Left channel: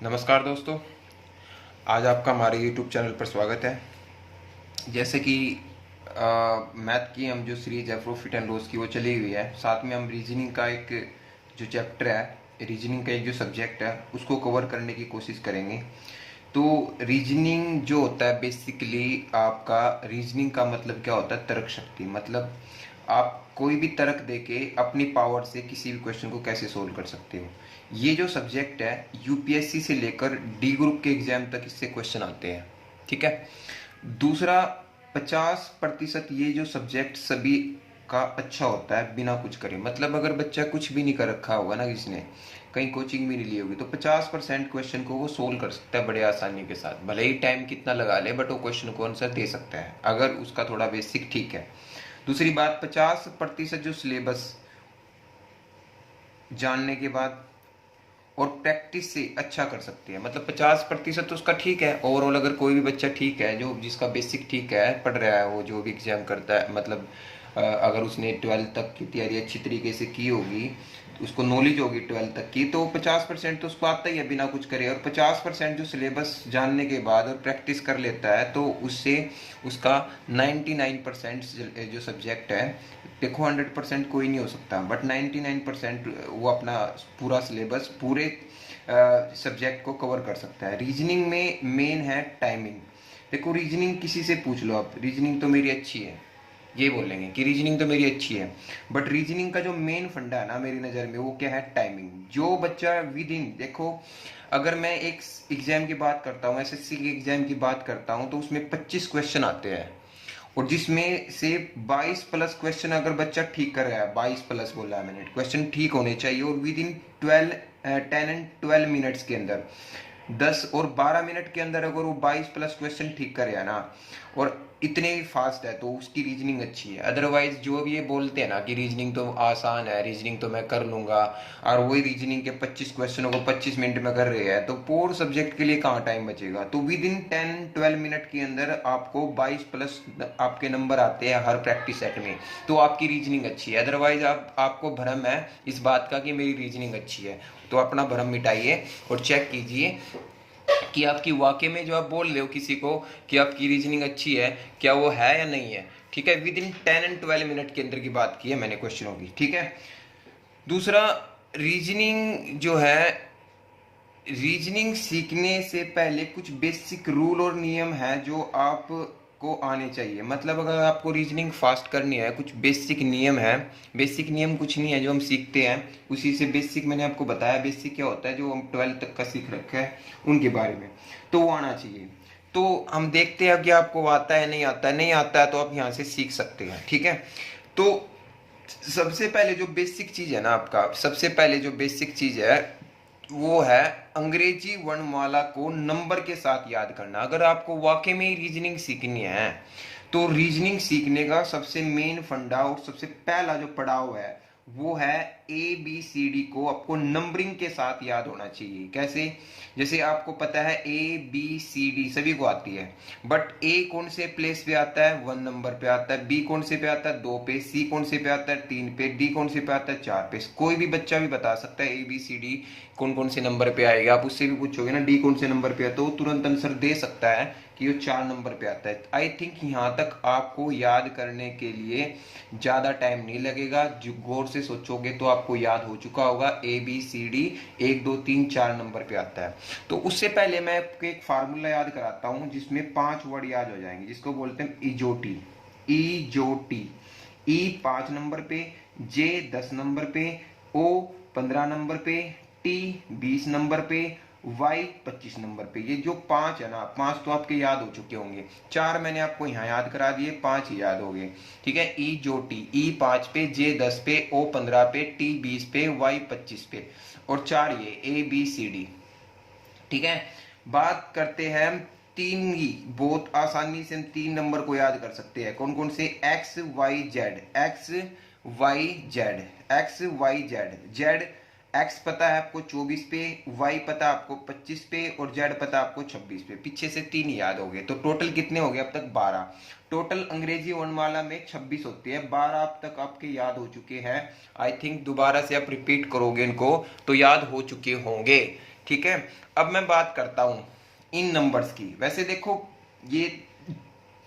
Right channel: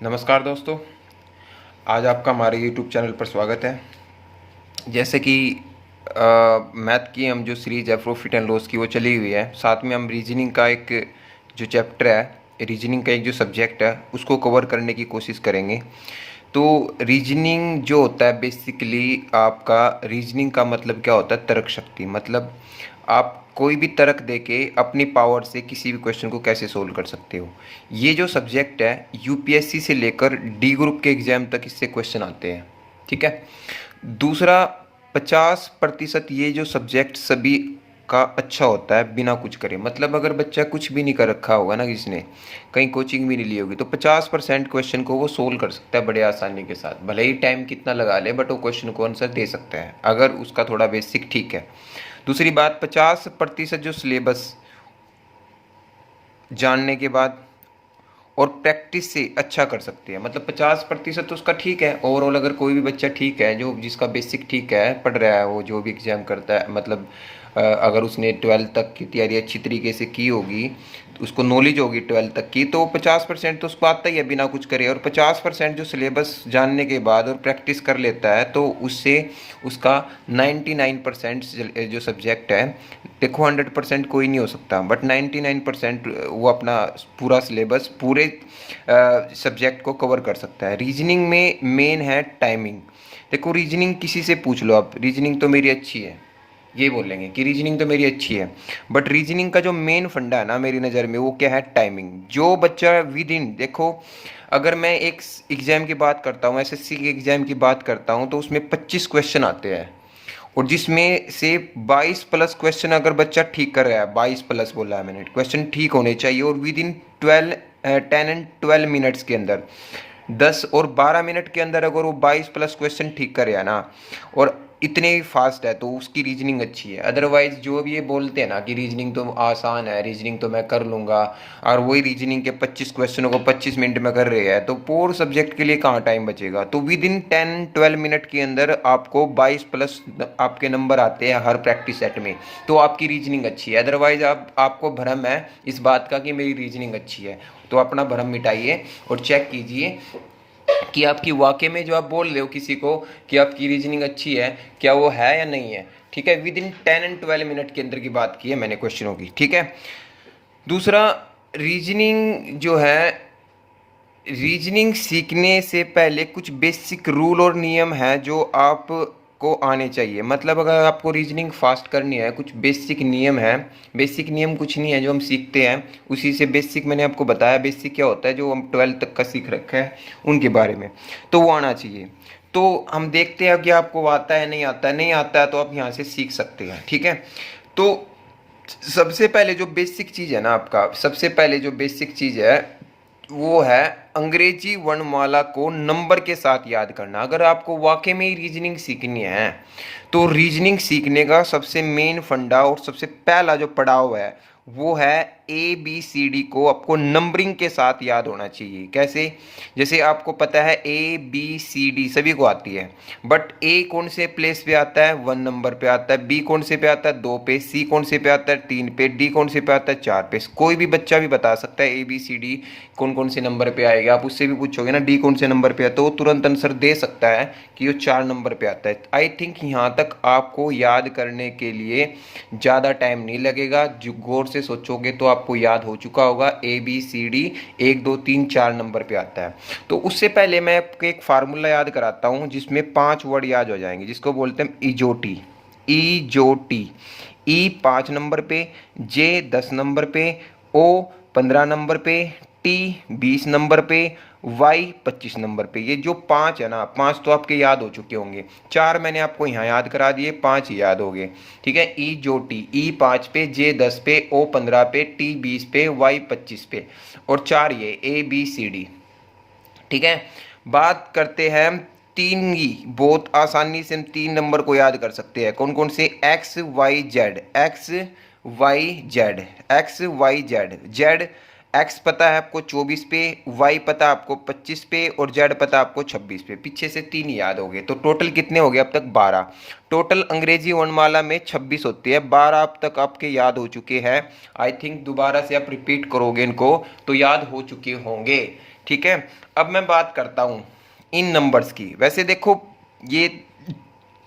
नमस्कार दोस्तों। आज आपका हमारे YouTube चैनल पर स्वागत है। जैसे कि मैथ की हम जो सीरीज़ है प्रॉफिट एंड लॉस की वो चली हुई है, साथ में हम रीजनिंग का एक जो चैप्टर है, रीजनिंग का एक जो सब्जेक्ट है उसको कवर करने की कोशिश करेंगे। तो रीजनिंग जो होता है बेसिकली आपका रीजनिंग का मतलब क्या होता है, तर्क शक्ति। मतलब आप कोई भी तर्क देके अपनी पावर से किसी भी क्वेश्चन को कैसे सोल्व कर सकते हो। ये जो सब्जेक्ट है यूपीएससी से लेकर डी ग्रुप के एग्जाम तक इससे क्वेश्चन आते हैं। ठीक है। दूसरा, 50% ये जो सब्जेक्ट सभी का अच्छा होता है बिना कुछ करे। मतलब अगर बच्चा कुछ भी नहीं कर रखा होगा ना, किसने कहीं कोचिंग भी नहीं ली होगी, तो 50% क्वेश्चन को वो सोल्व कर सकता है बड़े आसानी के साथ। भले ही टाइम कितना लगा ले, बट वो क्वेश्चन को आंसर दे सकता है अगर उसका थोड़ा बेसिक ठीक है। दूसरी बात, 50% जो सिलेबस जानने के बाद और प्रैक्टिस से अच्छा कर सकते हैं। मतलब 50% तो उसका ठीक है ओवरऑल। अगर कोई भी बच्चा ठीक है, जो जिसका बेसिक ठीक है, पढ़ रहा है, वो जो भी एग्जाम करता है, मतलब अगर उसने 12th तक की तैयारी अच्छी तरीके से की होगी, तो उसको नॉलेज होगी 12th तक की, तो 50% तो उसको आता ही है बिना कुछ करे। और 50% जो सिलेबस जानने के बाद और प्रैक्टिस कर लेता है, तो उससे उसका 99% जो सब्जेक्ट है, देखो 100% कोई नहीं हो सकता, बट 99% वो अपना पूरा सिलेबस पूरे सब्जेक्ट को कवर कर सकता है। रीजनिंग में मेन है टाइमिंग। देखो रीजनिंग किसी से पूछ लो आप, रीजनिंग तो मेरी अच्छी है, ये बोलेंगे कि रीजनिंग तो मेरी अच्छी है, बट रीजनिंग का जो मेन फंडा है ना मेरी नज़र में, वो क्या है, टाइमिंग। जो बच्चा विद इन, देखो अगर मैं एक एग्जाम की बात करता हूँ, एसएससी के एग्जाम की बात करता हूँ, तो उसमें 25 क्वेश्चन आते हैं, और जिसमें से 22 प्लस क्वेश्चन अगर बच्चा ठीक कर रहा है, 22 प्लस बोला है मैंने, क्वेश्चन ठीक होने चाहिए, और विद इन 10 एंड 12 मिनट्स के अंदर, 10 और 12 मिनट के अंदर अगर वो 22 प्लस क्वेश्चन ठीक करे ना, और इतने ही फास्ट है, तो उसकी रीजनिंग अच्छी है। अदरवाइज जो भी ये बोलते हैं ना कि रीजनिंग तो आसान है, रीजनिंग तो मैं कर लूँगा, और वही रीजनिंग के 25 क्वेश्चनों को 25 मिनट में कर रहे हैं, तो पूरे सब्जेक्ट के लिए कहाँ टाइम बचेगा। तो विद इन 10-12 मिनट के अंदर आपको 22 प्लस आपके नंबर आते हैं हर प्रैक्टिस सेट में, तो आपकी रीजनिंग अच्छी है। अदरवाइज आपको भ्रम है इस बात का कि मेरी रीजनिंग अच्छी है, तो अपना भ्रम मिटाइए और चेक कीजिए कि आपकी वाकई में जो आप बोल रहे हो किसी को कि आपकी रीजनिंग अच्छी है, क्या वो है या नहीं है। ठीक है। विद इन 10 एंड 12 मिनट के अंदर की बात की है मैंने क्वेश्चनों की। ठीक है। दूसरा, रीजनिंग जो है, रीजनिंग सीखने से पहले कुछ बेसिक रूल और नियम है जो आप को आने चाहिए। मतलब अगर आपको रीजनिंग फास्ट करनी है, कुछ बेसिक नियम है। बेसिक नियम कुछ नहीं है जो हम सीखते हैं, उसी से बेसिक मैंने आपको बताया। बेसिक क्या होता है, जो हम 12th तक का सीख रखा है उनके बारे में, तो वो आना चाहिए। तो हम देखते हैं कि आपको आता है नहीं आता है। नहीं आता है तो आप यहाँ से सीख सकते हैं। ठीक है। तो सबसे पहले जो बेसिक चीज़ है ना, आपका सबसे पहले जो बेसिक चीज़ है वो है अंग्रेजी वर्णमाला को नंबर के साथ याद करना। अगर आपको वाकई में ही रीजनिंग सीखनी है, तो रीजनिंग सीखने का सबसे मेन फंडा और सबसे पहला जो पड़ाव है वो है ABCD को आपको नंबरिंग के साथ याद होना चाहिए। कैसे? जैसे आपको पता है ABCD सभी को आती है, बट ए कौन से प्लेस पे आता है, 1 नंबर पे आता है, बी कौन से पे आता है, 2 पे, सी कौन से पे आता है, 3 पे, डी कौन से पे आता है, 4 पे। कोई भी बच्चा भी बता सकता है ABCD कौन कौन से नंबर पे आएगा। आप उससे भी पूछोगे ना डी कौन से नंबर पे आता है, तो वो तुरंत आंसर दे सकता है कि वो 4 नंबर पे आता है। आई थिंक यहाँ तक आपको याद करने के लिए ज़्यादा टाइम नहीं लगेगा। जो गौर से सोचोगे तो आपको याद हो चुका होगा ABCD 1 2 3 4 नंबर पे आता है। तो उससे पहले मैं आपको एक फार्मूला याद कराता हूँ जिसमें 5 वर्ड याद हो जाएंगे, जिसको बोलते हैं इजोटी। इजोटी। ई 5 नंबर पे, जे 10 नंबर पे, ओ 15 नंबर पे, टी 20 नंबर पे, वाई 25 नंबर पे। ये जो 5 है ना, 5 तो आपके याद हो चुके होंगे, 4 मैंने आपको यहाँ याद करा दिए, 5 ही याद हो गए। ठीक है। ई जो टी, ई 5 पे, जे 10 पे, ओ 15 पे, टी 20 पे, वाई 25 पे, और 4 ये ABCD। ठीक है। बात करते हैं तीन की। बहुत आसानी से हम 3 नंबर को याद कर सकते हैं। कौन कौन से? X Y Z, X Y Z, X Y Z. Z, X पता है आपको 24 पे, वाई पता आपको 25 पे, और जेड पता आपको 26 पे। पीछे से 3 याद हो गए, तो टोटल कितने हो गए अब तक? 12। टोटल अंग्रेजी वर्णमाला में 26 होती है, 12 अब तक आपके याद हो चुके हैं। आई थिंक दोबारा से आप रिपीट करोगे इनको तो याद हो चुके होंगे। ठीक है, अब मैं बात करता हूँ इन नंबर्स की। वैसे देखो, ये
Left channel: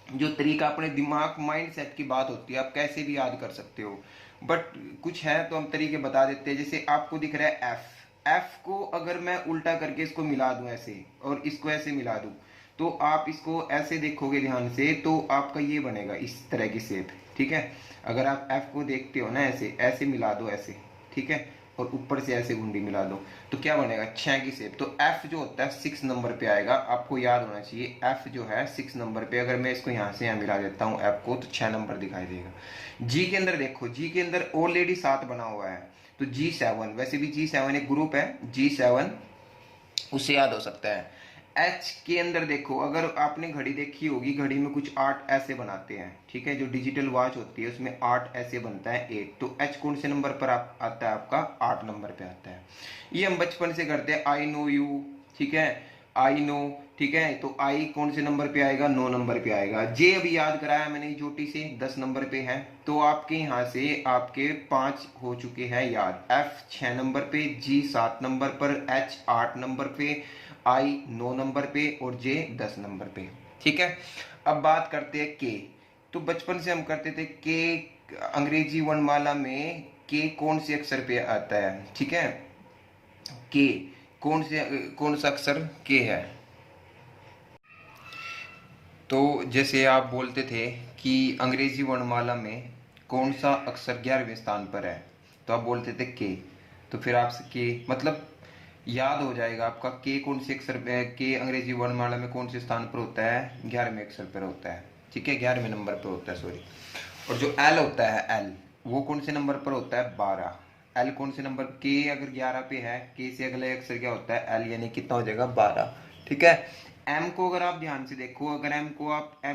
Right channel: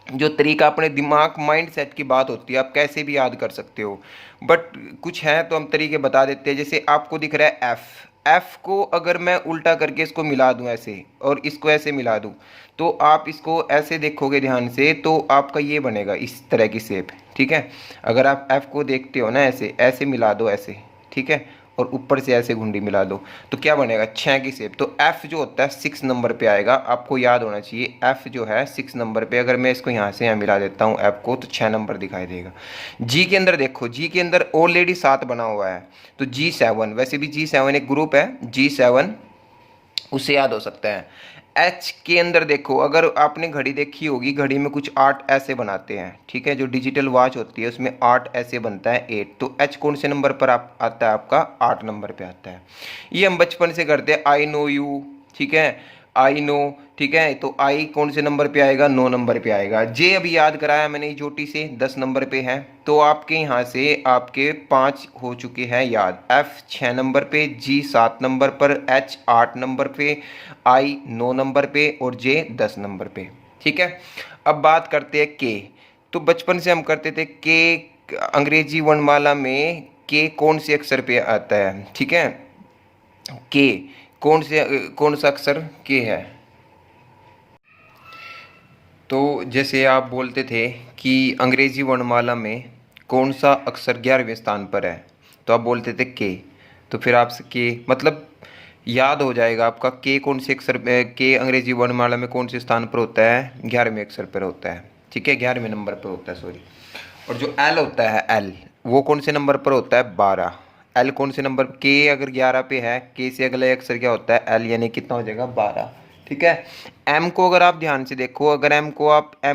जो तरीका अपने दिमाग माइंड सेट की बात होती है, आप कैसे भी याद कर सकते हो, बट कुछ है तो हम तरीके बता देते हैं। जैसे आपको दिख रहा है एफ, एफ को अगर मैं उल्टा करके इसको मिला दूं ऐसे और इसको ऐसे मिला दूं, तो आप इसको ऐसे देखोगे ध्यान से तो आपका ये बनेगा इस तरह की शेप। ठीक है, अगर आप एफ को देखते हो ना, ऐसे ऐसे मिला दो ऐसे, ठीक है, और ऊपर से ऐसे घुंडी मिला दो तो क्या बनेगा, 6 की शेप। तो एफ जो होता है 6 नंबर पे आएगा, आपको याद होना चाहिए। एफ जो है 6 नंबर पे, अगर मैं इसको यहाँ से यहाँ मिला देता हूँ एफ को, तो 6 नंबर दिखाई देगा। जी के अंदर देखो, जी के अंदर ऑलरेडी 7 बना हुआ है, तो G7, वैसे भी G7 एक ग्रुप है, G7 उससे याद हो सकता है। एच के अंदर देखो, अगर आपने घड़ी देखी होगी, घड़ी में कुछ 8 ऐसे बनाते हैं, ठीक है, जो डिजिटल वॉच होती है उसमें 8 ऐसे बनता है, 8। तो एच कौन से नंबर पर आता है आपका, 8 नंबर पे आता है। ये हम बचपन से करते हैं, आई नो यू, ठीक है, आई नो, ठीक है, तो आई कौन से नंबर पे आएगा, 9 नंबर पे आएगा। जे अभी याद कराया मैंने चोटी से, 10 नंबर पे है, तो आपके यहाँ से आपके 5 हो चुके हैं याद। एफ 6 नंबर पे, जी 7 नंबर पर, एच 8 नंबर पे, आई 9 नंबर पे और जे 10 नंबर पे। ठीक है, अब बात करते हैं के। तो बचपन से हम करते थे के, अंग्रेजी वर्णमाला में के कौन से अक्षर पे आता है, ठीक है, के कौन सा अक्षर के है। तो जैसे आप बोलते थे कि अंग्रेजी वर्णमाला में कौन सा अक्षर 11वें स्थान पर है, तो आप बोलते थे के। तो फिर आपसे के मतलब याद हो जाएगा आपका, के कौन से अक्षर, के अंग्रेजी वर्णमाला में कौन से स्थान पर होता है, 11वें अक्षर पर होता है, ठीक है, 11वें नंबर पर होता है, सॉरी। और जो एल होता है, एल वो कौन से नंबर पर होता है, 12। एल कौन से नंबर, के अगर 11 पे है, के से अगला अक्षर क्या होता है, एल, यानी कितना हो जाएगा, 12। ठीक है, एम को अगर आप ध्यान से देखो, अगर एम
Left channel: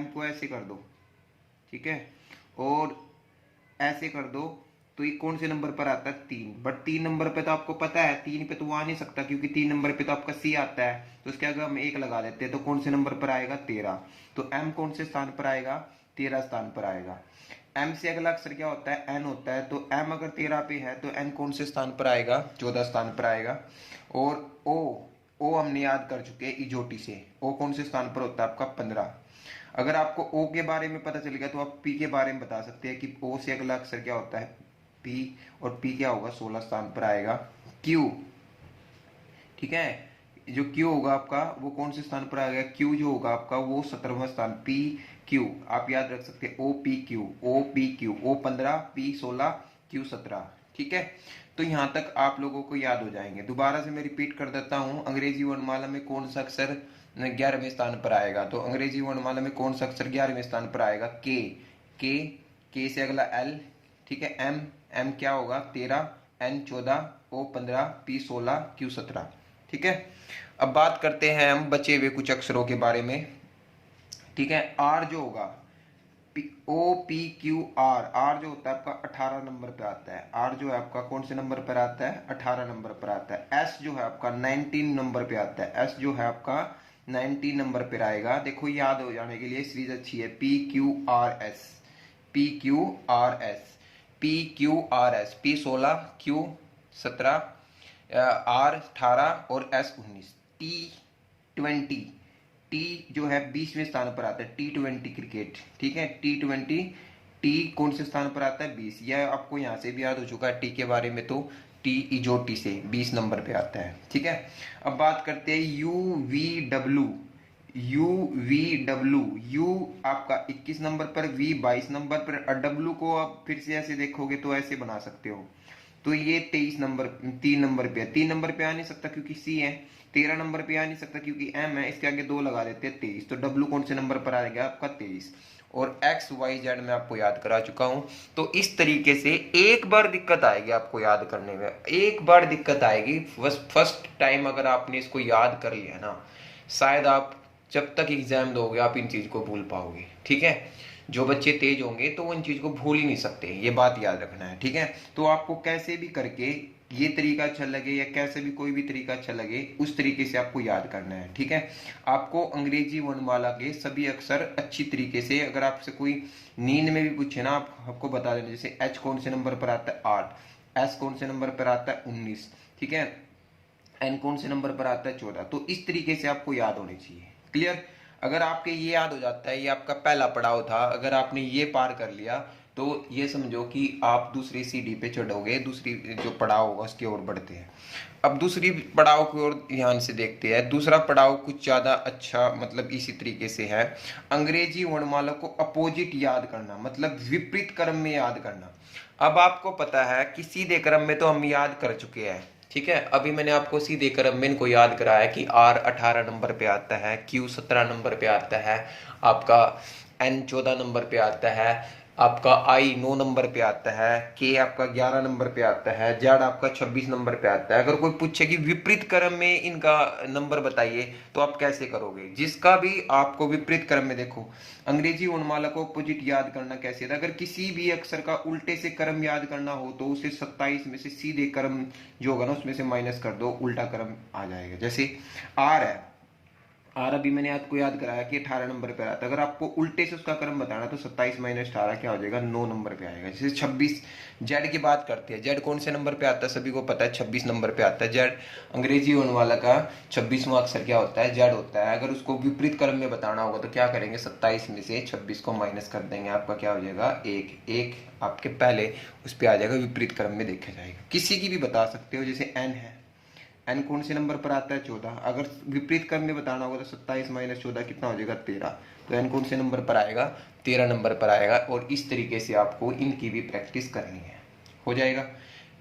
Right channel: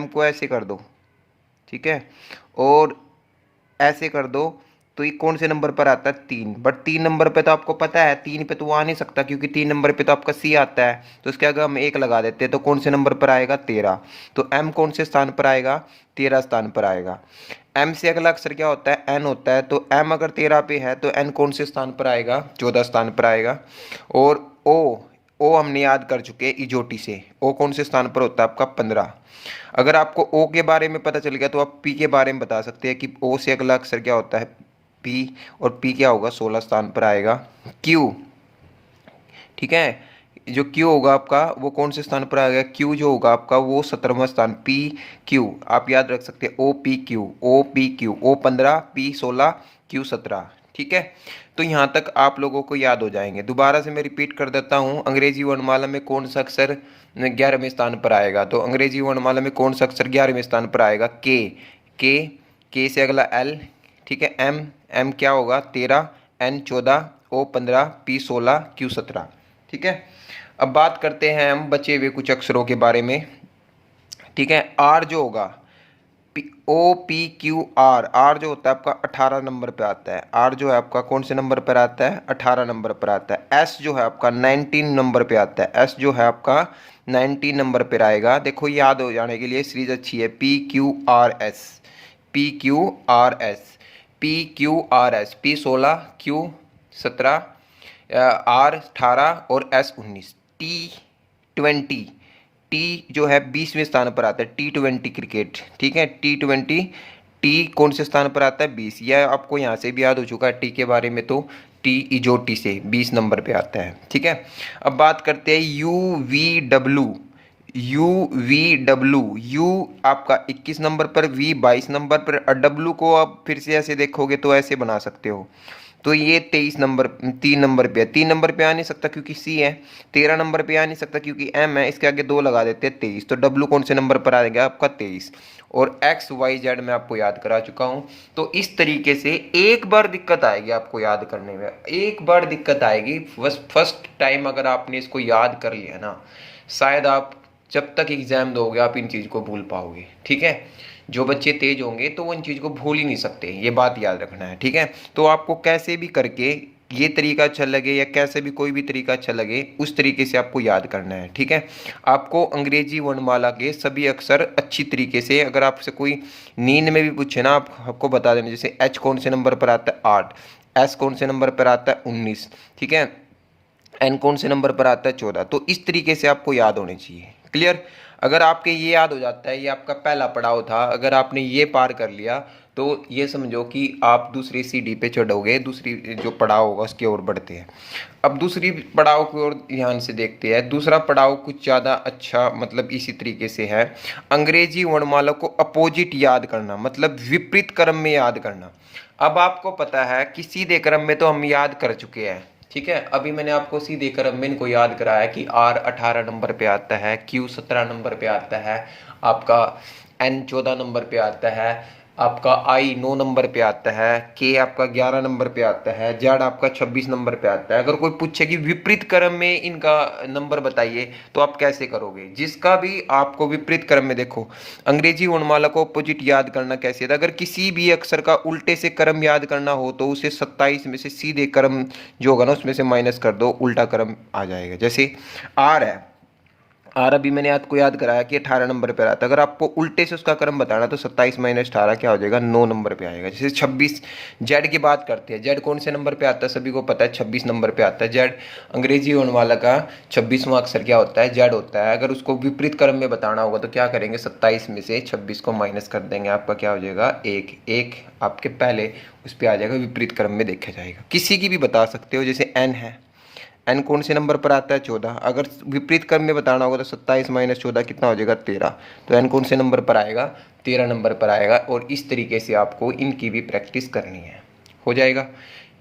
को ऐसे कर दो, ठीक है, और ऐसे कर दो, तो ये कौन से नंबर पर आता है, 3। बट 3 नंबर पे तो आपको पता है, 3 पे तो वो आ नहीं सकता, क्योंकि 3 नंबर पे तो आपका सी आता है, तो इसके आगे हम 1 लगा देते हैं, तो कौन से नंबर पर आएगा, 13। तो एम कौन से स्थान पर आएगा, 13 स्थान पर आएगा। एम से अगला अक्षर क्या होता है, एन होता है, तो एम अगर 13 पे है तो एन कौन से स्थान पर आएगा, 14 स्थान पर आएगा। और ओ हमने याद कर चुके हैं इजोटी से, ओ कौन से स्थान पर होता है आपका, 15। अगर आपको ओ के बारे में पता चल गया तो आप पी के बारे में बता सकते हैं कि ओ से अगला अक्षर क्या होता है, पी, और पी क्या होगा, 16 स्थान पर आएगा। क्यू, ठीक है, जो क्यू होगा आपका वो कौन से स्थान पर आएगा, क्यू जो होगा आपका वो 17वां स्थान, पी क्यू आप याद रख सकते हैं, ओ पी क्यू, ओ 15, पी 16, क्यू 17। ठीक है, तो यहाँ तक आप लोगों को याद हो जाएंगे। दोबारा से मैं रिपीट कर देता हूँ, अंग्रेजी वर्णमाला में कौन सा अक्षर 11वें स्थान पर आएगा, तो अंग्रेजी वर्णमाला में कौन सा अक्षर 11वें स्थान पर आएगा, के से अगला एल, ठीक है, एम क्या होगा, 13, एन 14, ओ 15, पी 16, क्यू 17। ठीक है, अब बात करते हैं हम बचे हुए कुछ अक्षरों के बारे में। ठीक है, आर जो होगा, O P Q R, R जो होता है आपका 18 नंबर पे आता है। आर जो है आपका कौन से नंबर पर आता है, 18 नंबर पर आता है। एस जो है आपका 19 नंबर पे आता है। एस जो है आपका 19 नंबर पर आएगा। देखो याद हो जाने के लिए सीरीज अच्छी है, P Q R S, P Q R S, P Q R S, P 16, Q 17, R 18 और एस 19। T20, टी जो है 20वें स्थान पर आता है, T20 क्रिकेट। ठीक है, T20, टी कौन से स्थान पर आता है, 20। यह आपको यहाँ से भी याद हो चुका है टी के बारे में, तो टी इजोटी से 20 नंबर पे आता है। ठीक है, अब बात करते हैं यू आपका 21 नंबर पर, वी 22 नंबर पर, और डब्लू को आप फिर से ऐसे देखोगे तो ऐसे बना सकते हो, तो ये 23 नंबर, 3 नंबर पे है। 3 नंबर पे आ नहीं सकता क्योंकि सी है, 13 नंबर पे आ नहीं सकता क्योंकि एम है, इसके आगे 2 लगा देते हैं, 23। तो डब्लू कौन से नंबर पर आ गया आपका, 23। और एक्स वाई जेड मैं आपको याद करा चुका हूँ। तो इस तरीके से एक बार दिक्कत आएगी आपको याद करने में, एक बार दिक्कत आएगी, बस फर्स्ट टाइम अगर आपने इसको याद कर लिया ना, शायद आप जब तक एग्जाम दोगे आप इन चीज़ को भूल पाओगे। ठीक है, जो बच्चे तेज होंगे तो वो इन चीज़ को भूल ही नहीं सकते, ये बात याद रखना है। ठीक है, तो आपको कैसे भी करके ये तरीका अच्छा लगे या कैसे भी कोई भी तरीका अच्छा लगे, उस तरीके से आपको याद करना है। ठीक है, आपको अंग्रेजी वर्णमाला के सभी अक्षर अच्छी तरीके से, अगर आपसे कोई नींद में भी पूछे ना, आपको बता देना। जैसे एच कौन से नंबर पर आता है, 8, एस कौन से नंबर पर आता है, 19। ठीक है, एन कौन से नंबर पर आता है 14। तो इस तरीके से आपको याद होने चाहिए। क्लियर? अगर आपके ये याद हो जाता है, ये आपका पहला पड़ाव था, अगर आपने ये पार कर लिया तो ये समझो कि आप दूसरी सीढ़ी पे चढ़ोगे, दूसरी जो पड़ाव होगा उसकी ओर बढ़ते हैं। अब दूसरी पड़ाव की ओर ध्यान से देखते हैं। दूसरा पड़ाव कुछ ज़्यादा अच्छा, मतलब इसी तरीके से है। अंग्रेजी वर्णमाला को अपोजिट याद करना, मतलब विपरीत क्रम में याद करना। अब आपको पता है कि सीधे क्रम में तो हम याद कर चुके हैं, ठीक है। अभी मैंने आपको सीधे क्रम में इनको याद कराया कि आर 18 नंबर पे आता है, क्यू 17 नंबर पे आता है, आपका एन 14 नंबर पे आता है, आपका आई 9 नंबर पे आता है, के आपका 11 नंबर पे आता है, जेड आपका 26 नंबर पे आता है। अगर कोई पूछे कि विपरीत क्रम में इनका नंबर बताइए तो आप कैसे करोगे? जिसका भी आपको विपरीत क्रम में, देखो अंग्रेजी वर्णमाला को अपोजिट याद करना कैसे था। अगर किसी भी अक्षर का उल्टे से क्रम याद करना हो तो उसे 27 में से सीधे क्रम जो होगा ना उसमें से माइनस कर दो, उल्टा क्रम आ जाएगा। जैसे आर है, आर अभी मैंने आपको याद कराया कि 18 नंबर पर आता है। अगर आपको उल्टे से उसका क्रम बताना तो 27 माइनस 18 क्या हो जाएगा, 9 नंबर पे आएगा। जैसे 26, जेड की बात करते हैं। जेड कौन से नंबर पे आता है? सभी को पता है 26 नंबर पे आता है जेड। अंग्रेजी होने वाला का 26वां अक्षर क्या होता है? जेड होता है। अगर उसको विपरीत क्रम में बताना होगा तो क्या करेंगे, 27 में से 26 को माइनस कर देंगे, आपका क्या हो जाएगा, एक आपके पहले उस पर आ जाएगा, विपरीत क्रम में देखा जाएगा। किसी की भी बता सकते हो। जैसे एन है, एन कौन से नंबर पर आता है? 14। अगर विपरीत क्रम में बताना होगा तो 27 माइनस 14 कितना हो जाएगा, 13। तो एन कौन से नंबर पर आएगा? 13 नंबर पर आएगा। और इस तरीके से आपको इनकी भी प्रैक्टिस करनी है, हो जाएगा,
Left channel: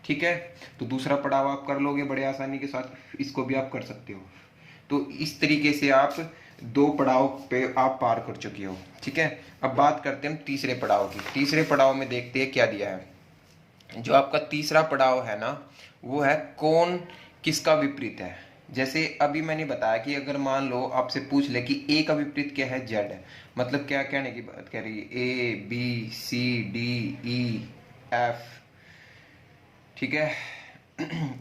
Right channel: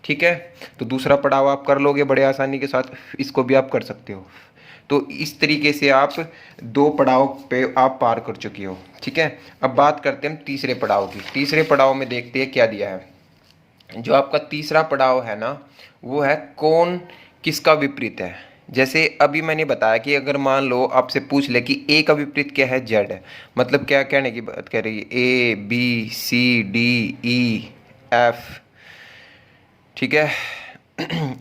ठीक है। तो दूसरा पड़ाव आप कर लोगे बड़े आसानी के साथ, इसको भी आप कर सकते हो। तो इस तरीके से आप 2 पड़ाव पे आप पार कर चुके हो, ठीक है। अब बात करते हैं हम तीसरे पड़ाव की। तीसरे पड़ाव में देखते हैं क्या दिया है। जो आपका तीसरा पड़ाव है ना, वो है कौन किसका विपरीत है। जैसे अभी मैंने बताया कि अगर मान लो आपसे पूछ ले कि ए का विपरीत क्या है, जेड है। मतलब क्या कहने की बात कह रही है, A B C D E F, ठीक है,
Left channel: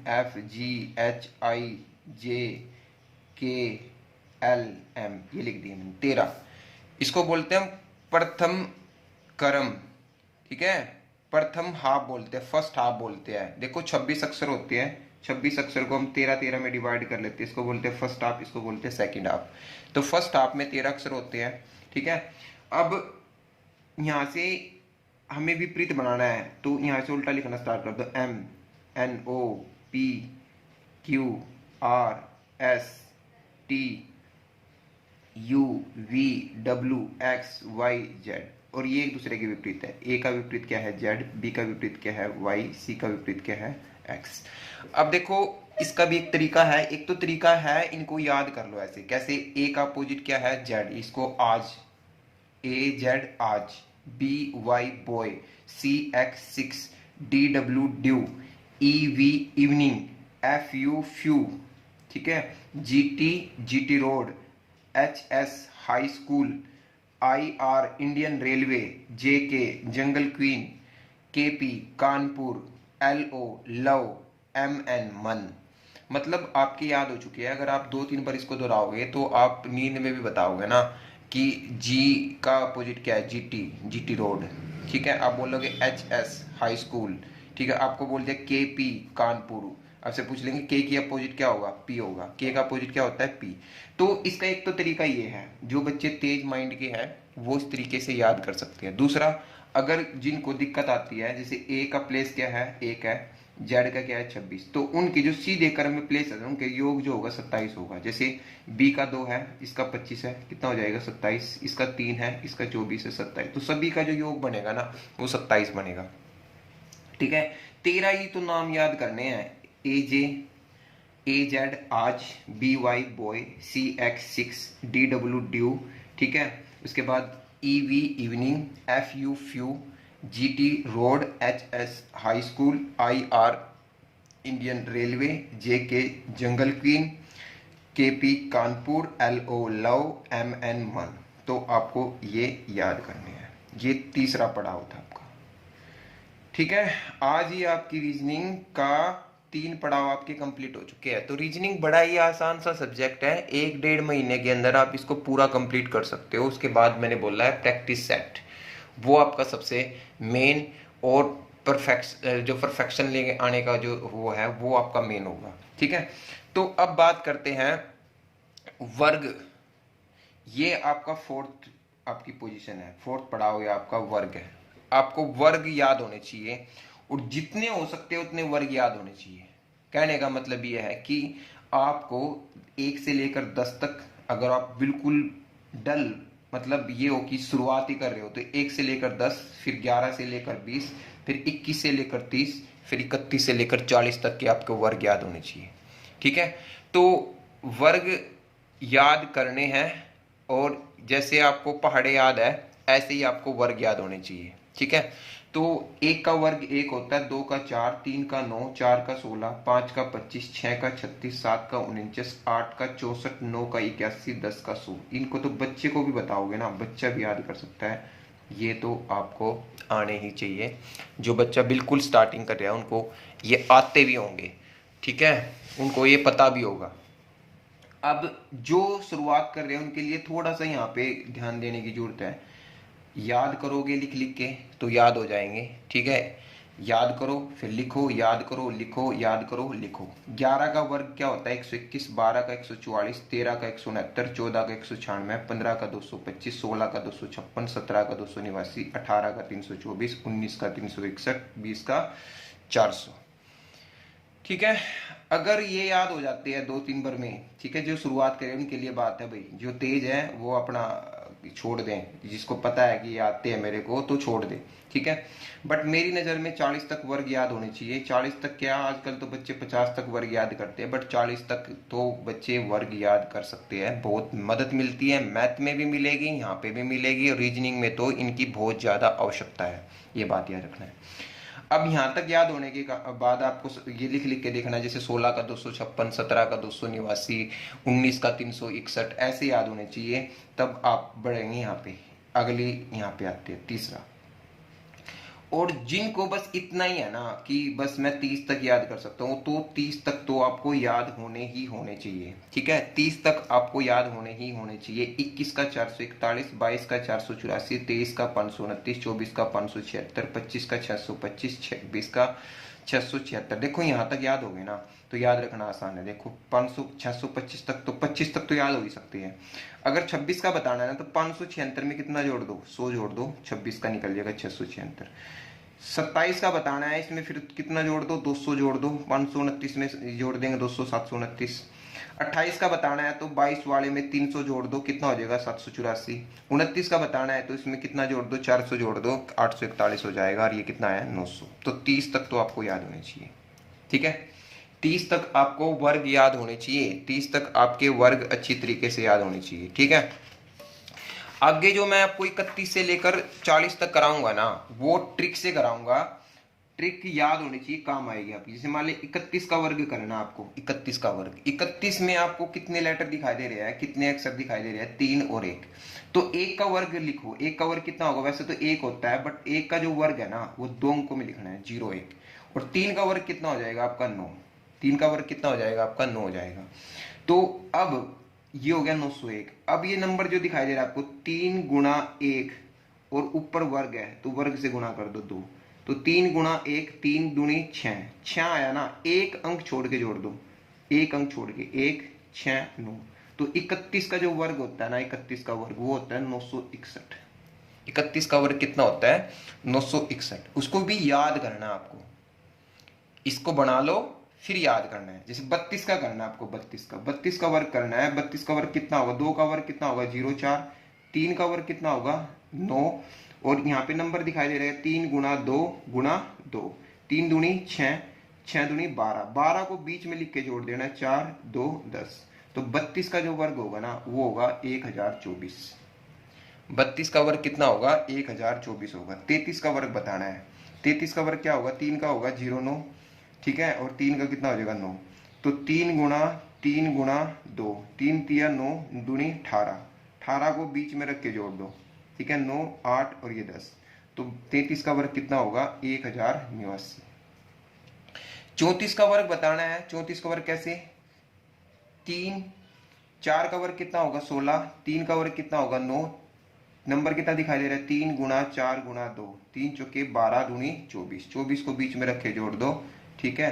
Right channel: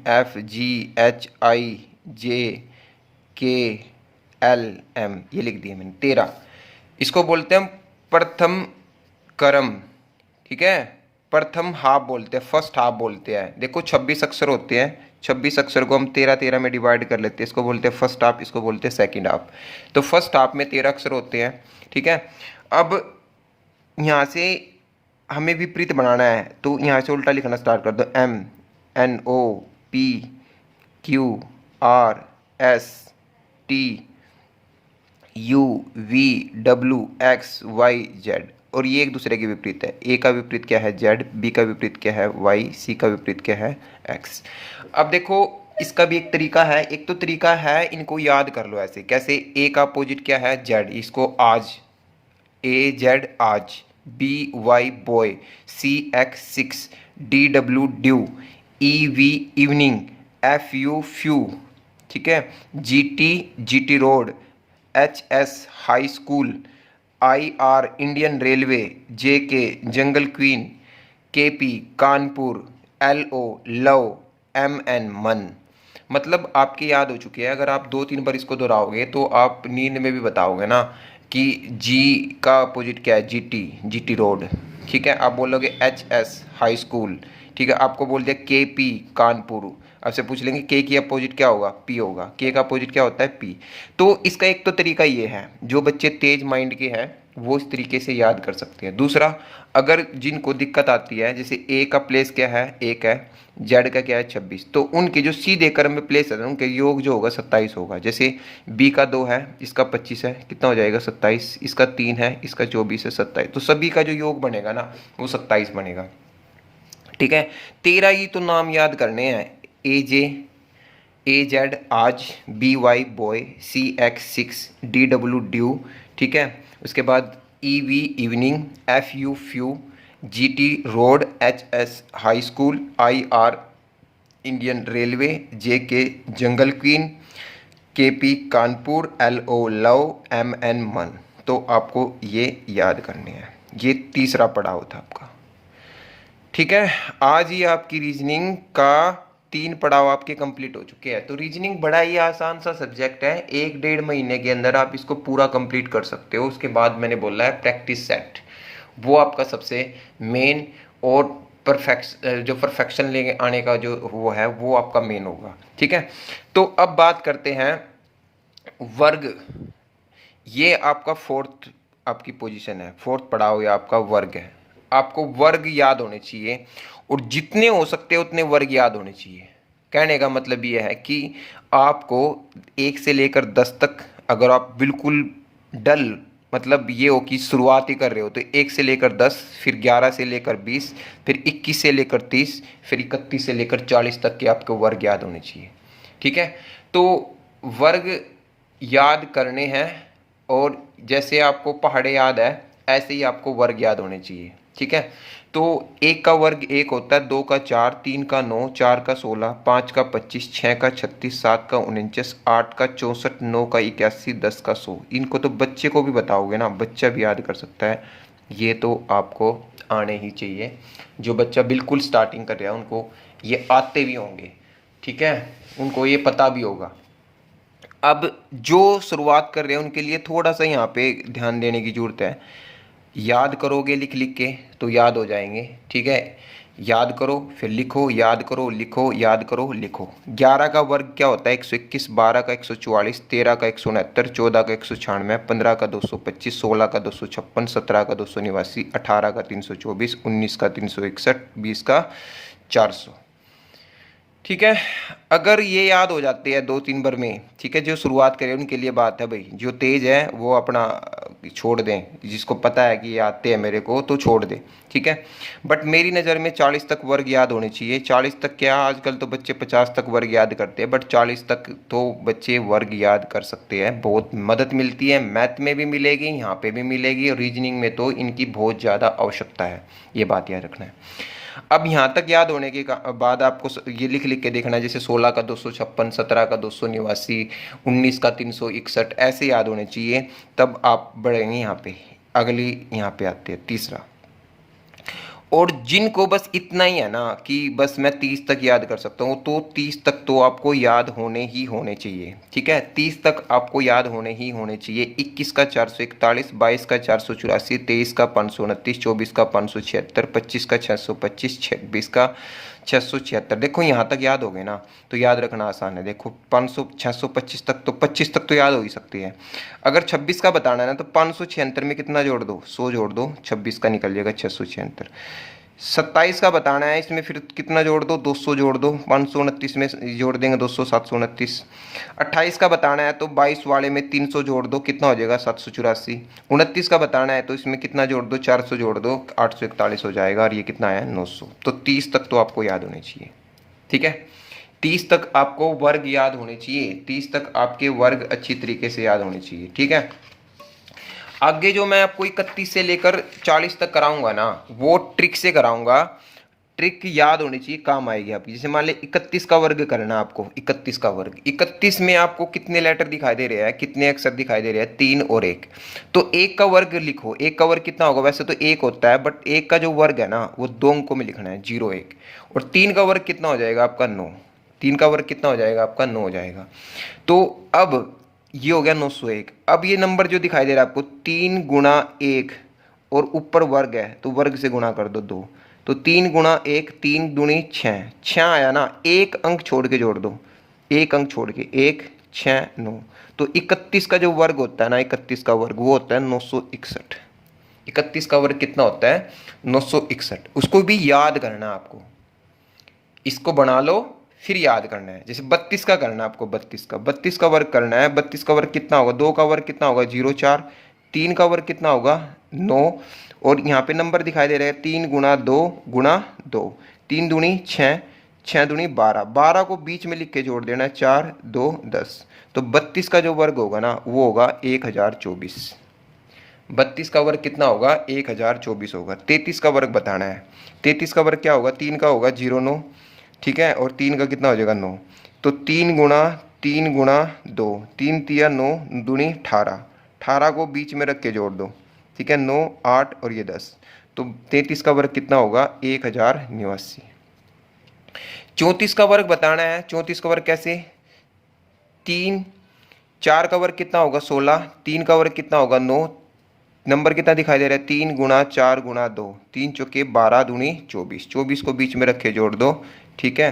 एफ जी एच आई जे के एल एम, ये लिख दिया मैंने 13। इसको बोलते हैं हम प्रथम क्रम, ठीक है। प्रथम हाफ बोलते हैं, फर्स्ट हाफ बोलते हैं। देखो 26 अक्षर होते हैं, 26 अक्षर को हम 13 में डिवाइड कर लेते हैं। इसको बोलते हैं फर्स्ट हाफ, इसको बोलते हैं सेकंड हाफ। तो फर्स्ट हाफ में 13 अक्षर होते हैं, ठीक है। अब यहाँ से हमें विपरीत बनाना है तो यहाँ से उल्टा लिखना स्टार्ट कर दो। M N O P Q R S T U V W X Y Z. और ये एक दूसरे के विपरीत है। ए का विपरीत क्या है, जेड, बी का विपरीत क्या है, वाई, सी का विपरीत क्या है, एक्स। अब देखो इसका भी एक तरीका है। एक तो तरीका है, इनको याद कर लो ऐसे। कैसे? ए का अपोजिट क्या है, जेड, इसको आज, ए जेड आज, B Y boy, C X six, D W dew, E V evening, F U few, ठीक है, G T road, H S high school, I R Indian railway, J K jungle queen, K P Kanpur, L O love, M N man. मतलब आपकी याद हो चुकी है। अगर आप 2-3 बार इसको दोहराओगे तो आप नींद में भी बताओगे ना कि जी का अपोजिट क्या है, जी टी रोड, ठीक है। आप बोलोगे एच एस हाई स्कूल, ठीक है। आपको बोल दिया के पी कानपुर, आपसे पूछ लेंगे के की अपोजिट क्या होगा, पी होगा। के का अपोजिट क्या होता है, पी। तो इसका एक तो तरीका ये है, जो बच्चे तेज माइंड के हैं वो इस तरीके से याद कर सकते हैं। दूसरा, अगर जिनको दिक्कत आती है, जैसे ए का प्लेस क्या है, 1 है, जेड का क्या है 26, तो उनके जो सीधे क्रम में प्लेस है उनके योग जो होगा 27 होगा। जैसे बी का 2 है, इसका 25 है, कितना हो जाएगा 27, इसका 3 है, इसका 24 है, 27। तो सभी का जो योग बनेगा ना वो 27 बनेगा, ठीक है। 13 ही तो नाम याद करने हैं। ए जे, ए जेड आज, B Y boy, C X six, D W dew, ठीक है। उसके बाद E V evening, F U few, G T road, H S high school, I R Indian railway, J K jungle queen, K P Kanpur, L O love, M N man. तो आपको ये याद करने हैं। ये तीसरा पड़ाव था आपका, ठीक है। आज ही आपकी रीजनिंग का 3 पड़ाव आपके कंप्लीट हो चुके हैं। तो रीजनिंग बड़ा ही आसान सा सब्जेक्ट है, 1-1.5 महीने के अंदर आप इसको पूरा कंप्लीट कर सकते हो। उसके बाद मैंने बोला है प्रैक्टिस सेट, वो आपका सबसे मेन और जो परफेक्शन लेके आने का जो वो है वो आपका मेन होगा। ठीक है, तो अब बात करते हैं वर्ग। ये आपका फोर्थ आपकी पोजीशन है, फोर्थ पड़ाव या आपका वर्ग है। आपको वर्ग याद होने चाहिए और जितने हो सकते हैं उतने वर्ग याद होने चाहिए। कहने का मतलब ये है कि आपको 1 से लेकर 10 तक, अगर आप बिल्कुल डल, मतलब ये हो कि शुरुआत ही कर रहे हो, तो 1 से लेकर 10, फिर 11 से लेकर 20, फिर 21 से लेकर 30, फिर 31 से लेकर 40 तक के आपको वर्ग याद होने चाहिए। ठीक है, तो वर्ग याद करने हैं, और जैसे आपको पहाड़े याद है ऐसे ही आपको वर्ग याद होने चाहिए। ठीक है, तो 1 का वर्ग 1 होता है, 2 का 4, 3 का 9, 4 का 16, 5 का 25, 6 का 36, 7 का 49, 8 का 64, 9 का 81, 10 का 100। इनको तो बच्चे को भी बताओगे ना, बच्चा भी याद कर सकता है। ये तो आपको आने ही चाहिए। जो बच्चा बिल्कुल स्टार्टिंग कर रहा है उनको ये आते भी होंगे। ठीक है, उनको ये पता भी होगा। अब जो शुरुआत कर रहे हैं उनके लिए थोड़ा सा यहाँ पे ध्यान देने की जरूरत है। याद करोगे लिख लिख के तो याद हो जाएंगे। ठीक है, याद करो फिर लिखो, याद करो लिखो, याद करो लिखो। 11 का वर्ग क्या होता है? 121, 12 का 144, 13 का 169, 14 का 196, 15 का 225, 16 का 256, 17 का 289, 18 का 324, 19 का 361, 20 का 400। ठीक है, अगर ये याद हो जाते हैं 2-3 बार में, ठीक है, जो शुरुआत करें उनके लिए बात है भाई। जो तेज है वो अपना छोड़ दें, जिसको पता है कि ये आते हैं मेरे को तो छोड़ दे। ठीक है, बट मेरी नज़र में 40 तक वर्ग याद होने चाहिए। 40 तक क्या, आजकल तो बच्चे 50 तक वर्ग याद करते हैं, बट 40 तक तो बच्चे वर्ग याद कर सकते हैं। बहुत मदद मिलती है, मैथ में भी मिलेगी, यहाँ पे भी मिलेगी, और रीजनिंग में तो इनकी बहुत ज़्यादा आवश्यकता है। ये बात याद रखना है। अब यहाँ तक याद होने के बाद आपको ये लिख लिख के देखना है, जैसे 16 का 256, 17 का 289, 19 का 361, ऐसे याद होने चाहिए। तब आप बढ़ेंगे यहाँ पे। अगली यहाँ पे आते हैं तीसरा। और जिनको बस इतना ही है ना कि बस मैं 30 तक याद कर सकता हूँ, तो 30 तक तो आपको याद होने ही होने चाहिए। ठीक है, 30 तक आपको याद होने ही होने चाहिए। 21 का 441, 22 का 484, 23 का 529, 24 का 576, 25 का 625, 26 का 676। देखो यहाँ तक याद हो गए ना, तो याद रखना आसान है। देखो 500, 625 तक तो 25 तक तो याद हो ही सकती है। अगर 26 का बताना है ना, तो 576 में कितना जोड़ दो? 100 जोड़ दो, 26 का निकल जाएगा 676। 27 का बताना है, इसमें फिर कितना जोड़ दो? 200 जोड़ दो, 529 में जोड़ देंगे 200, 729। 28 का बताना है तो 22 वाले में 300 जोड़ दो, कितना हो जाएगा? 784। 29 का बताना है तो इसमें कितना जोड़ दो? 400 जोड़ दो, 841 हो जाएगा, और ये कितना है? 900। तो 30 तक तो आपको याद होने चाहिए। ठीक है, 30 तक आपको वर्ग याद होने चाहिए। 30 तक आपके वर्ग अच्छी तरीके से याद होने चाहिए। ठीक है, आगे जो मैं आपको 31 से लेकर 40 तक कराऊंगा ना, वो ट्रिक से कराऊंगा। ट्रिक याद होनी चाहिए, काम आएगी आपकी। जैसे मान ले 31 का वर्ग करना आपको। 31 का वर्ग, 31 में आपको कितने लेटर दिखाई दे रहे हैं, कितने अक्षर दिखाई दे रहे हैं? 3 और 1। तो 1 का वर्ग लिखो। 1 का वर्ग कितना होगा? वैसे तो 1 होता है, बट 1 का जो वर्ग है ना वो 2 अंकों में लिखना है, 0 1। और 3 का वर्ग कितना हो जाएगा आपका? 9। 3 का वर्ग कितना हो जाएगा आपका? 9 हो जाएगा। तो अब ये हो गया 901। अब ये नंबर जो दिखाई दे रहा है आपको, 3 गुणा 1, और ऊपर वर्ग है तो वर्ग से गुणा कर दो 2। तो 3 गुणा 1, 3 दूनी 6, 6 आया ना, एक अंक छोड़ के जोड़ दो, एक अंक छोड़ के, 1 6 9। तो 31 का जो वर्ग होता है ना, 31 का वर्ग वो होता है 961। 31 का वर्ग कितना होता है? 961। उसको भी याद करना है आपको। इसको बना लो, फिर याद करना है। जैसे 32 का करना है आपको, 32 का वर्ग करना है। 32 का वर्ग कितना होगा? 2 का वर्ग कितना होगा? 0 4। 3 का वर्ग कितना होगा? 9। और यहाँ पे नंबर दिखाई दे रहे हैं, 3 गुणा 2 3 दूनी 6, 6 दूनी 12, 12 को बीच में लिख के जोड़ देना है, 4 2 10। तो 32 का जो वर्ग होगा ना वो होगा 1024। 32 का वर्ग कितना होगा? 1024 होगा। 33 का वर्ग बताना है। 33 का वर्ग क्या होगा? 3 का होगा 0 9, ठीक है, और 3 का कितना हो जाएगा? 9। तो 3 गुणा 2, 3 तिया 9 दूनी 18, 18 को बीच में रख के जोड़ दो, ठीक है, 9 8 और ये 10। तो 33 का वर्ग कितना होगा? 1089। 34 का वर्ग बताना है। 34 का वर्ग कैसे? 3, 4 का वर्ग कितना होगा? 16, 3 का वर्ग कितना होगा? 9, नंबर कितना दिखाई दे रहा है, 3 गुणा 4 गुणा 2, 3 चौके 12 दूनी 24, 24 को बीच में रखे जोड़ दो, ठीक है।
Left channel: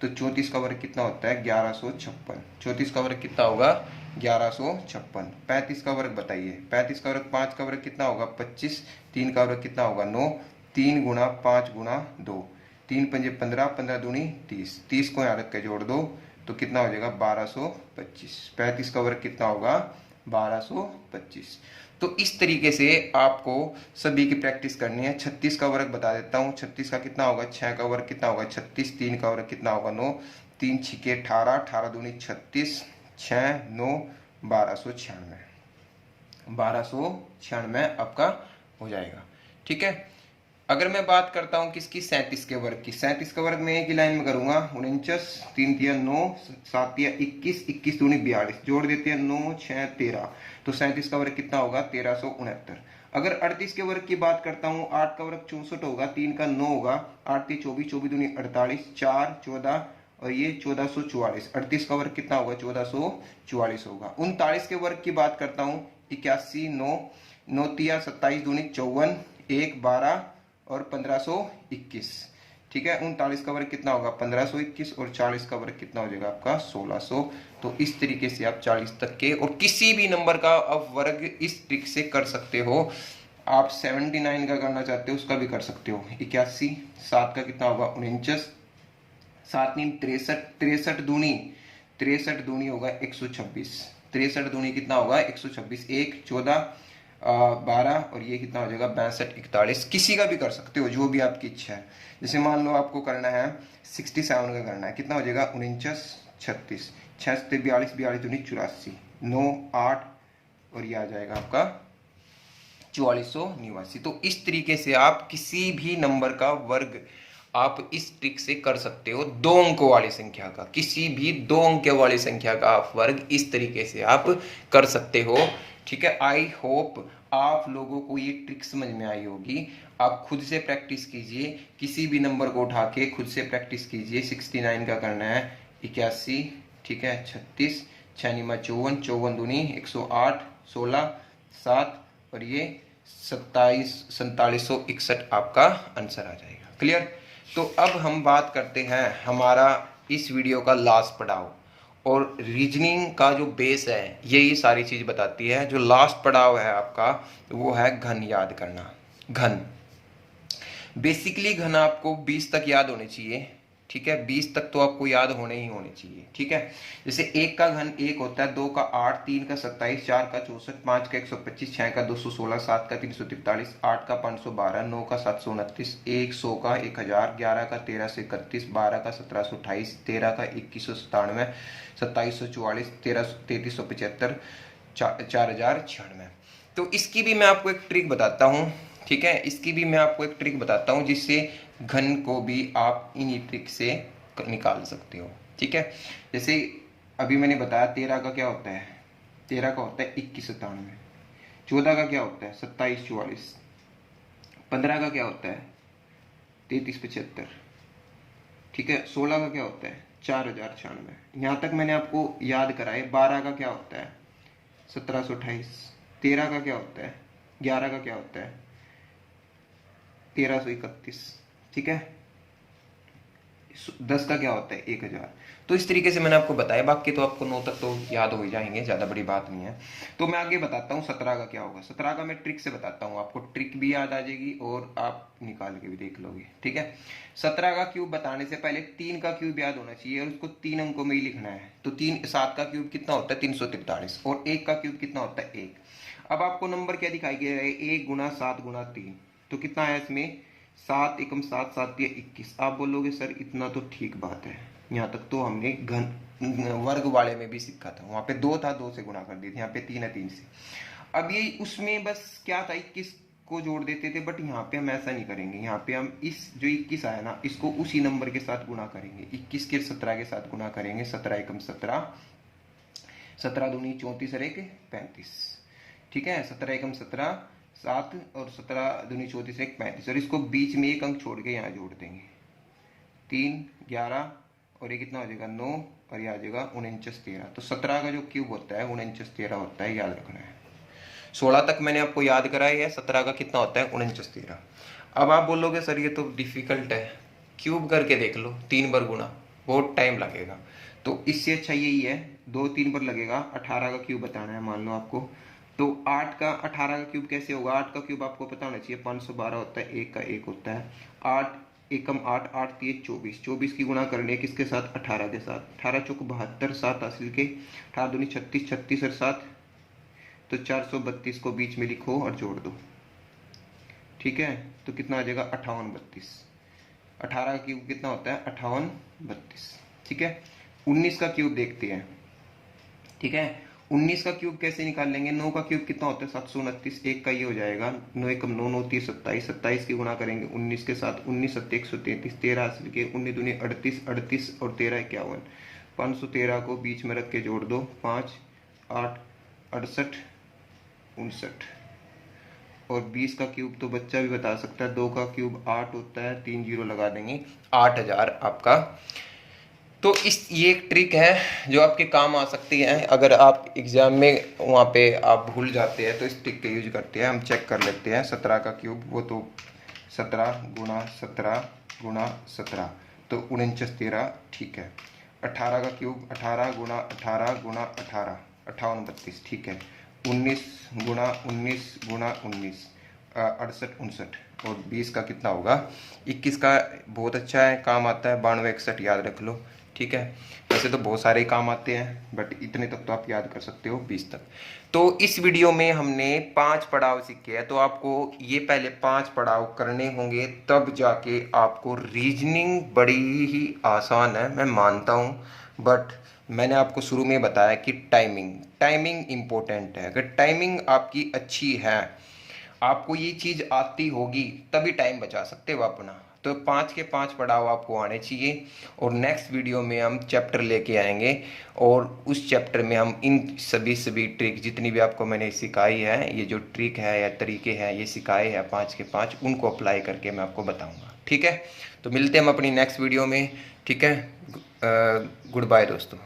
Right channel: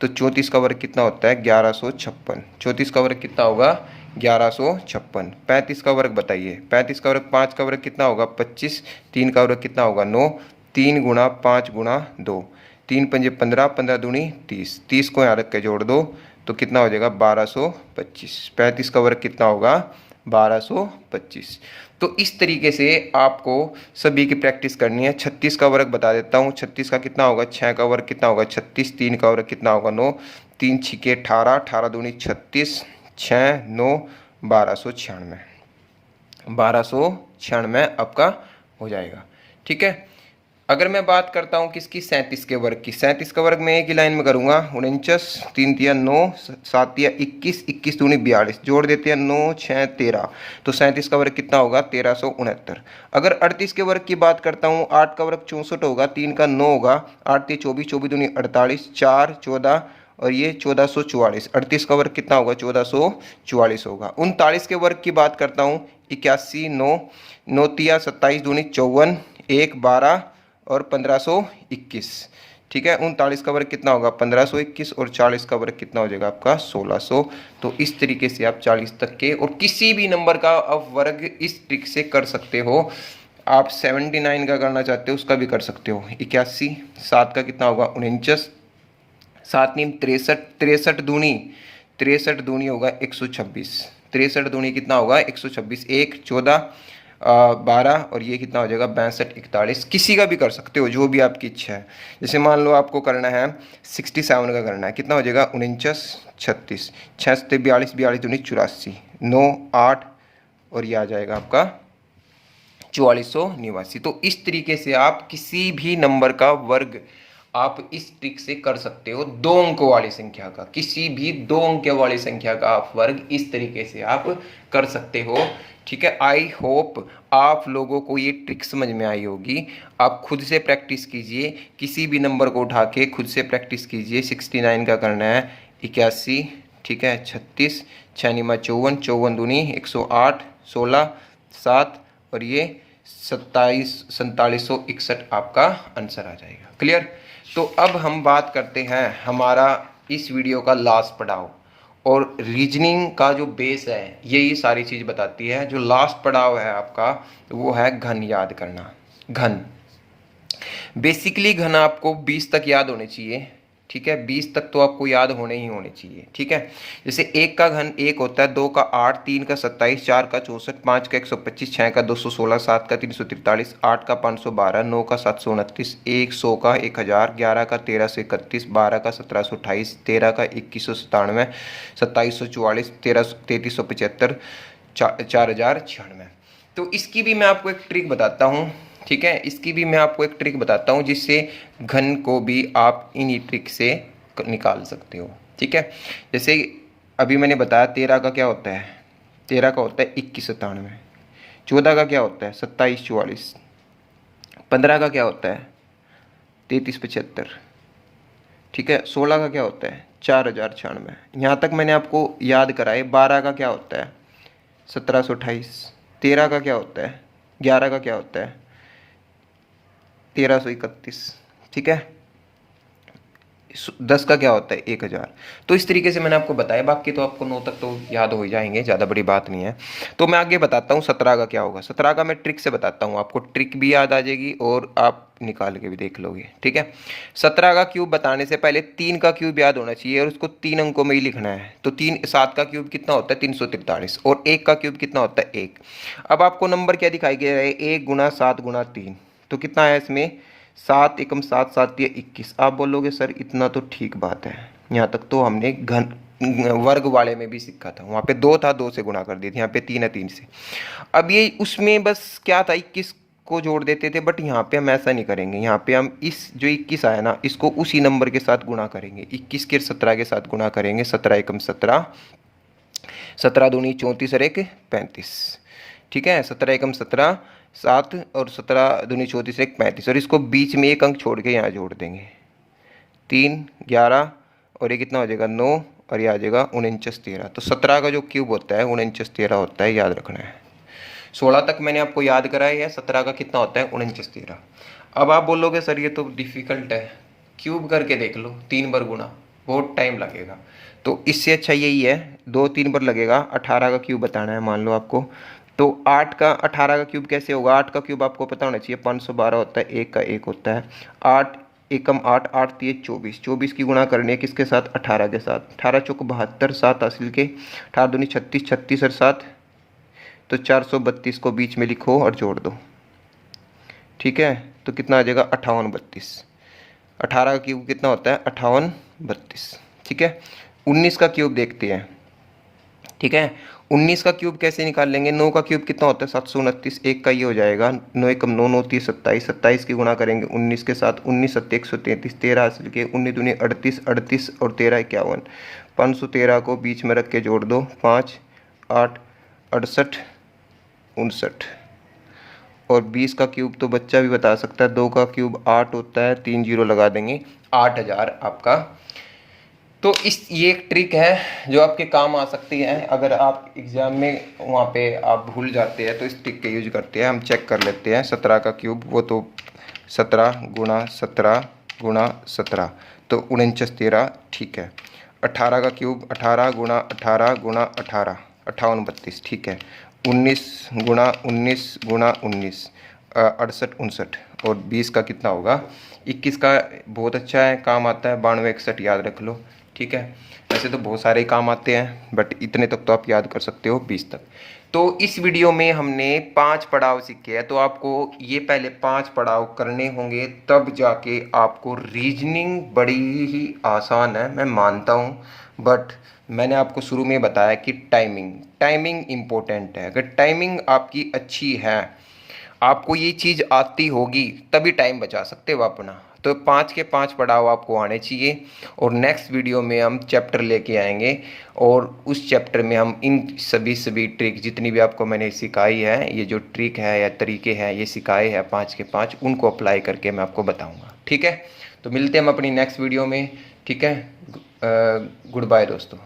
तो 34 का वर्ग कितना होता है, 1156। 34 का वर्ग कितना होगा, 1156। 35 का वर्ग बताइए, 35 का वर्ग, 5 का वर्ग कितना होगा 25, 3 का वर्ग कितना होगा 9, 3 गुणा 5 गुणा 2, 3 पंजे 15, 15 दूनी 30, 30 को यहाँ रख के जोड़ दो तो कितना हो जाएगा 1225। 35 का वर्ग कितना होगा 1225। तो इस तरीके से आपको सभी की प्रैक्टिस करनी है। 36 का वर्ग बता देता हूँ, 36 का कितना होगा, 6 का वर्ग कितना होगा 36, 3 का वर्ग कितना होगा 9, 3 छिके 18, 18 दूनी 36, 6 9 1296, 1296 आपका हो जाएगा, ठीक है। अगर मैं बात करता हूँ किसकी, 37 के वर्ग की, 37 का वर्ग मैं एक ही लाइन में करूँगा, 49, 3 तिया 9, 7 तिया 21, 21 दूनी 42, जोड़ देते हैं 9 6 13, तो 37 का वर्ग कितना होगा 1369। अगर 38 के वर्ग की बात करता हूँ, 8 का वर्ग 64 होगा, 3 का 9 होगा, 8 तिया 24, 24 दूनी 48, 4 14 और ये 1444। 38 का वर्ग कितना होगा 1444 होगा। 39 के वर्ग की बात करता हूँ, 81 9, 9 तिया 27 दूनी 54, 1 12 और 1521, ठीक है। 39 का वर्ग कितना होगा 1521 और 40 का वर्ग कितना हो जाएगा आपका 1600। तो इस तरीके से आप 40 तक के और किसी भी नंबर का आप वर्ग इस ट्रिक से कर सकते हो। आप 79 का करना चाहते हो उसका भी कर सकते हो। 81, 7 का कितना होगा 49, 7 नीम 63, 63 दूनी होगा 126, 63 दूनी कितना होगा 126, 1 14 12 और ये कितना हो जाएगा 62 41। किसी का भी कर सकते हो जो भी आपकी इच्छा है। जैसे मान लो आपको करना है 67 का करना है, कितना हो जाएगा 49 36, 6 से 42, 42 दूनी 84, 9 8 और ये आ जाएगा आपका 4489। तो इस तरीके से आप किसी भी नंबर का वर्ग आप इस ट्रिक से कर सकते हो। 2 अंकों वाली संख्या का, किसी भी 2 अंक वाली संख्या का आप वर्ग इस तरीके से आप कर सकते हो, ठीक है। आई होप आप लोगों को ये ट्रिक समझ में आई होगी। आप खुद से प्रैक्टिस कीजिए, किसी भी नंबर को उठा के खुद से प्रैक्टिस कीजिए। 69 का करना है 81, ठीक है, 36, 6 निमा 54, 54 दूनी 108, 16 7 और ये 4761 आपका आंसर आ जाएगा। क्लियर। तो अब हम बात करते हैं हमारा इस वीडियो का लास्ट पड़ाव, और रीजनिंग का जो बेस है यही सारी चीज़ बताती है। जो लास्ट पड़ाव है आपका वो है घन याद करना। घन, बेसिकली घन आपको 20 तक याद होने चाहिए, ठीक है। 20 तक तो आपको याद होने ही होने चाहिए, ठीक है। जैसे 1 का घन 1 होता है, 2 का 8, 3 का 27, 4 का 64, 5 का 125, 6 का 216, 7 का 343, 8 का 512, 9 का 729, 100 का 1000, 11 का 1331, 12 का 1728, 13 का 2197, 2744, 3375, 4096। तो इसकी भी मैं आपको एक ट्रिक बताता हूँ, ठीक है। इसकी भी मैं आपको एक ट्रिक बताता हूँ जिससे घन को भी आप इन्हीं ट्रिक से निकाल सकते हो, ठीक है। जैसे अभी मैंने बताया 13 का क्या होता है, 13 का होता है 2197, 14 का क्या होता है 2744, 15 का क्या होता है 3375, ठीक है। 16 का क्या होता है 4096। यहाँ तक मैंने आपको याद कराए। 12 का क्या होता है 1728, 13 का क्या होता है, 11 का क्या होता है 1331, ठीक है। 10 का क्या होता है 1000। तो इस तरीके से मैंने आपको बताया, बाकी तो आपको 9 तक तो याद हो ही जाएंगे, ज़्यादा बड़ी बात नहीं है। तो मैं आगे बताता हूँ 17 का क्या होगा। 17 का मैं ट्रिक से बताता हूँ, आपको ट्रिक भी याद आ जाएगी और आप निकाल के भी देख लोगे, ठीक है। 17 का क्यूब बताने से पहले 3 का क्यूब याद होना चाहिए और उसको 3 अंकों में ही लिखना है। तो 7 का क्यूब कितना होता है 343 और 1 का क्यूब कितना होता है 1। अब आपको नंबर क्या दिखाई दे रहा है 1 गुना 7 गुना 3, तो कितना है इसमें 7 एकम 7, 7 या 21। आप बोलोगे सर इतना तो ठीक बात है, यहाँ तक तो हमने घन वर्ग वाले में भी सीखा था, वहाँ पे 2 था 2 से गुणा कर दिए थे, यहाँ पे 3 है 3 से। अब ये उसमें बस क्या था 21 को जोड़ देते थे, बट यहाँ पे हम ऐसा नहीं करेंगे। यहाँ पे हम इस जो 21 आया ना इसको उसी नंबर के साथ गुणा करेंगे, 21 के 17 के साथ गुणा करेंगे। 17 एकम 17, 17 दूनी 34 और 1 35, ठीक है। 17 एकम 17, 7 और 17 दूनी 34 1 35 और इसको बीच में एक अंक छोड़ के यहाँ जोड़ देंगे। 3 11 और ये कितना हो जाएगा 9 और ये आ जाएगा 49 13। तो 17 का जो क्यूब होता है 49 13 होता है, याद रखना है। 16 तक मैंने आपको याद कराया है। 17 का कितना होता है 49 13। अब आप बोलोगे सर ये तो डिफिकल्ट है, क्यूब करके देख लो, 3 बार गुना, बहुत टाइम लगेगा। तो इससे अच्छा यही है, 2-3 बार लगेगा। 18 का क्यूब बताना है मान लो आपको, तो 8 का 18 का क्यूब कैसे होगा? 8 का क्यूब आपको पता होना चाहिए 512 होता है, 1 का 1 होता है। 8 एकम 8, 8 3 24, 24 की गुणा करनी है किसके साथ? 18 के साथ। 18 चौक 72, 7 हासिल के, 18 दूनी 36, 36 और 7 तो 432 को बीच में लिखो और जोड़ दो, ठीक है। तो कितना आ जाएगा 58 32। 18 का क्यूब कितना होता है 58 32, ठीक है। 19 का क्यूब देखते हैं, ठीक है। 19 का क्यूब कैसे निकाल लेंगे? 9 का क्यूब कितना होता है 729, 1 का ये हो जाएगा 9 एकम 9, 9 30 27, 27 की गुणा करेंगे 19 के साथ, 19 7 133, 13 हासिल के, 19 दूनी 38, 38 और 13 51, 513 को बीच में रख के जोड़ दो, 5 8 68 59। और 20 का क्यूब तो बच्चा भी बता सकता है, 2 का क्यूब 8 होता है, 3 जीरो लगा देंगे, 8000 आपका। तो ये एक ट्रिक है जो आपके काम आ सकती है अगर आप एग्ज़ाम में वहाँ पे आप भूल जाते हैं, तो इस ट्रिक के यूज करते हैं। हम चेक कर लेते हैं 17 का क्यूब, वो तो 17 गुणा 17 गुणा 17 तो 49 13, ठीक है। 18 का क्यूब 18 गुणा 18 गुणा 18 58 32, ठीक है। 19 गुणा 19 गुणा 19 68 59। और 20 का कितना होगा 21 का, बहुत अच्छा है, काम आता है 92 61, याद रख लो, ठीक है। वैसे तो बहुत सारे काम आते हैं बट इतने तक तो आप याद कर सकते हो 20 तक। तो इस वीडियो में हमने 5 पड़ाव सीखे हैं, तो आपको ये पहले 5 पड़ाव करने होंगे, तब जाके आपको रीजनिंग बड़ी ही आसान है, मैं मानता हूँ। बट मैंने आपको शुरू में बताया कि टाइमिंग इम्पोर्टेंट है। अगर टाइमिंग आपकी अच्छी है, आपको ये चीज़ आती होगी, तभी टाइम बचा सकते हो अपना। तो 5 के 5 पड़ाव आपको आने चाहिए। और नेक्स्ट वीडियो में हम चैप्टर लेके आएंगे, और उस चैप्टर में हम इन सभी ट्रिक जितनी भी आपको मैंने सिखाई है, ये जो ट्रिक है या तरीके हैं ये सिखाए हैं 5 के 5, उनको अप्लाई करके मैं आपको बताऊँगा, ठीक है। तो मिलते हैं हम अपनी नेक्स्ट वीडियो में, ठीक है। गुड बाय दोस्तों।